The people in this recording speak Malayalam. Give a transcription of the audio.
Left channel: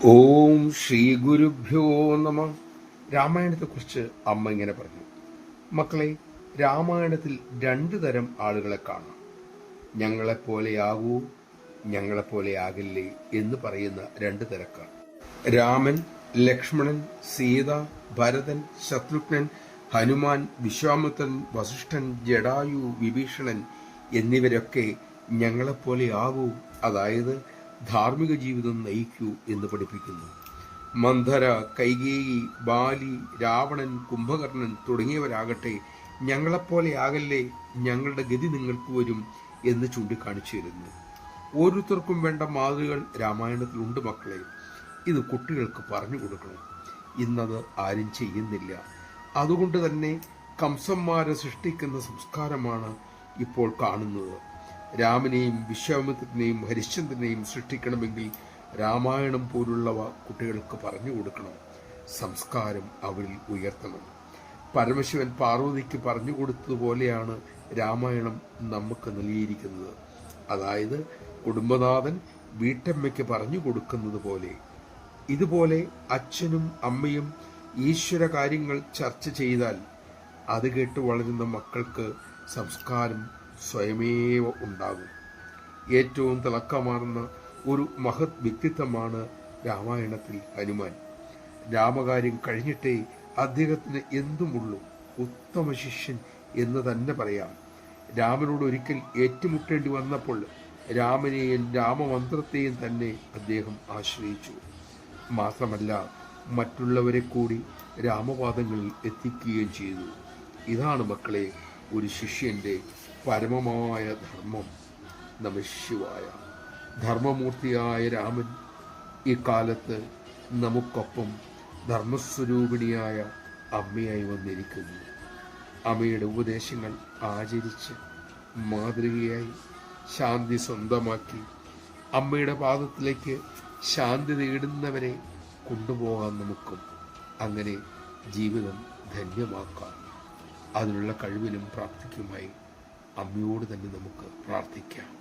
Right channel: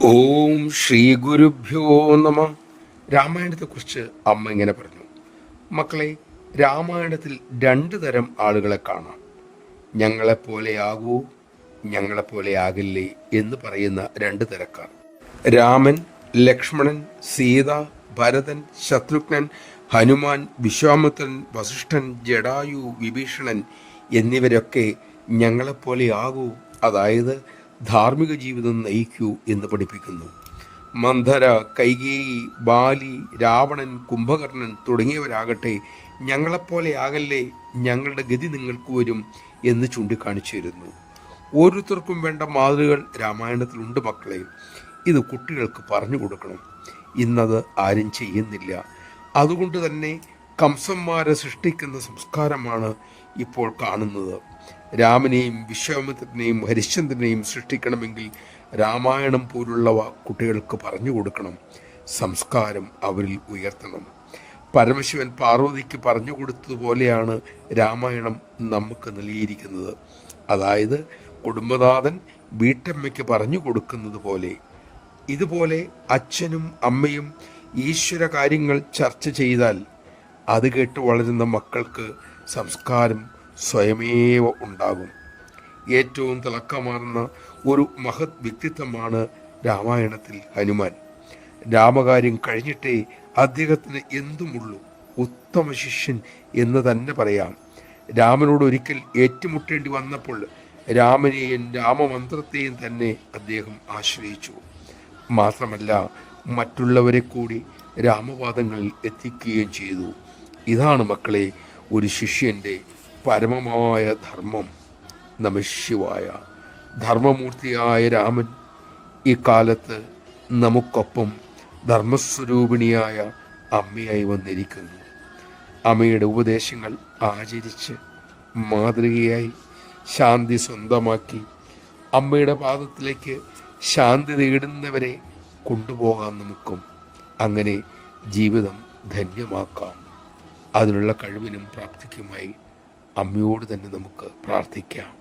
ഓം ശ്രീ ഗുരുഭ്യോ നമ. രാമായണത്തെക്കുറിച്ച് അമ്മ ഇങ്ങനെ പറഞ്ഞു: മക്കളെ, രാമായണത്തിൽ രണ്ടു തരം ആളുകളെ കാണാം. ഞങ്ങളെപ്പോലെയാകൂ, ഞങ്ങളെപ്പോലെയാകില്ലേ എന്ന് പറയുന്ന രണ്ടു തരക്കാർ. രാമൻ, ലക്ഷ്മണൻ, സീത, ഭരതൻ, ശത്രുഘ്നൻ, ഹനുമാൻ, വിശ്വാമിത്രൻ, വസിഷ്ഠൻ, ജടായു, വിഭീഷണൻ എന്നിവരൊക്കെ ഞങ്ങളെപ്പോലെയാകൂ, അതായത് ധാർമ്മിക ജീവിതം നയിക്കൂ എന്ന് പഠിപ്പിക്കുന്നു. മന്ധര, കൈകേയി, ബാലി, രാവണൻ, കുംഭകർണൻ തുടങ്ങിയവരാകട്ടെ ഞങ്ങളെപ്പോലെയാകല്ലേ, ഞങ്ങളുടെ ഗതി നിങ്ങൾക്ക് വരും എന്ന് ചൂണ്ടിക്കാണിച്ചിരുന്നു. ഓരോരുത്തർക്കും വേണ്ട മാതൃകൾ രാമായണത്തിലുണ്ട് മക്കളെ. ഇത് കുട്ടികൾക്ക് പറഞ്ഞു കൊടുക്കണം. ഇന്നത് ആരും ചെയ്യുന്നില്ല. അതുകൊണ്ട് തന്നെ കംസന്മാരെ സൃഷ്ടിക്കുന്ന സംസ്കാരമാണ് ഇപ്പോൾ കാണുന്നത്. രാമനെയും വിശ്വാമിത്രനെയും ഹരിശ്ചന്ദ്രനെയും സൃഷ്ടിക്കണമെങ്കിൽ രാമായണം പോലുള്ളവ കുട്ടികൾക്ക് പറഞ്ഞു കൊടുക്കണം. സംസ്കാരം അവരിൽ ഉയർത്തണം. പരമശിവൻ പാർവതിക്ക് പറഞ്ഞു കൊടുത്തതുപോലെയാണ് രാമായണം നമുക്ക് നൽകിയിരിക്കുന്നത്. അതായത് കുടുംബനാഥൻ വീട്ടമ്മയ്ക്ക് പറഞ്ഞു കൊടുക്കുന്നത് പോലെ. ഇതുപോലെ അച്ഛനും അമ്മയും ഈശ്വര കാര്യങ്ങൾ ചർച്ച ചെയ്താൽ അത് കേട്ട് വളരുന്ന മക്കൾക്ക് സംസ്കാരം സ്വയമേവ ഉണ്ടാകും. ഏറ്റവും തിളക്കമാർന്ന ഒരു മഹത് വ്യക്തിത്വമാണ് രാമായണത്തിൽ ഹനുമാൻ. രാമകാര്യം കഴിഞ്ഞിട്ടേ അദ്ദേഹത്തിന് എന്തുമുള്ളൂ. ഉത്തമ ശിഷ്യൻ എന്ന് തന്നെ പറയാം. രാമനോട് ഒരിക്കൽ ഏറ്റുമുട്ടേണ്ടി വന്നപ്പോൾ രാമനെയും രാമമന്ത്രത്തെയും തന്നെ അദ്ദേഹം ആശ്രയിച്ചു. മാത്രമല്ല, മറ്റുള്ളവരെ കൂടി രാമപാദങ്ങളിൽ എത്തിക്കുകയും ചെയ്തു. ഇതാണ് മക്കളെ ഒരു ശിഷ്യൻ്റെ പരമമായ ധർമ്മം. നമഃശിവായ. ധർമ്മമൂർത്തിയായ രാമൻ ഈ കാലത്ത് നമുക്കൊപ്പം ധർമ്മസ്വരൂപിണിയായ അമ്മയായി വന്നിരിക്കുന്നു. അമ്മയുടെ ഉപദേശങ്ങൾ ആചരിച്ച് മാതൃകയായി ശാന്തി സ്വന്തമാക്കി അമ്മയുടെ പാദത്തിലേക്ക് ശാന്തി നേടുന്നവരെ കൊണ്ടുപോകാൻ നമുക്കും. അങ്ങനെ ജീവിതം ധന്യമാക്കാം. അതിനുള്ള കഴിവിനും പ്രാപ്തിക്കുമായി അമ്മയോട് തന്നെ നമുക്ക് പ്രാർത്ഥിക്കാം.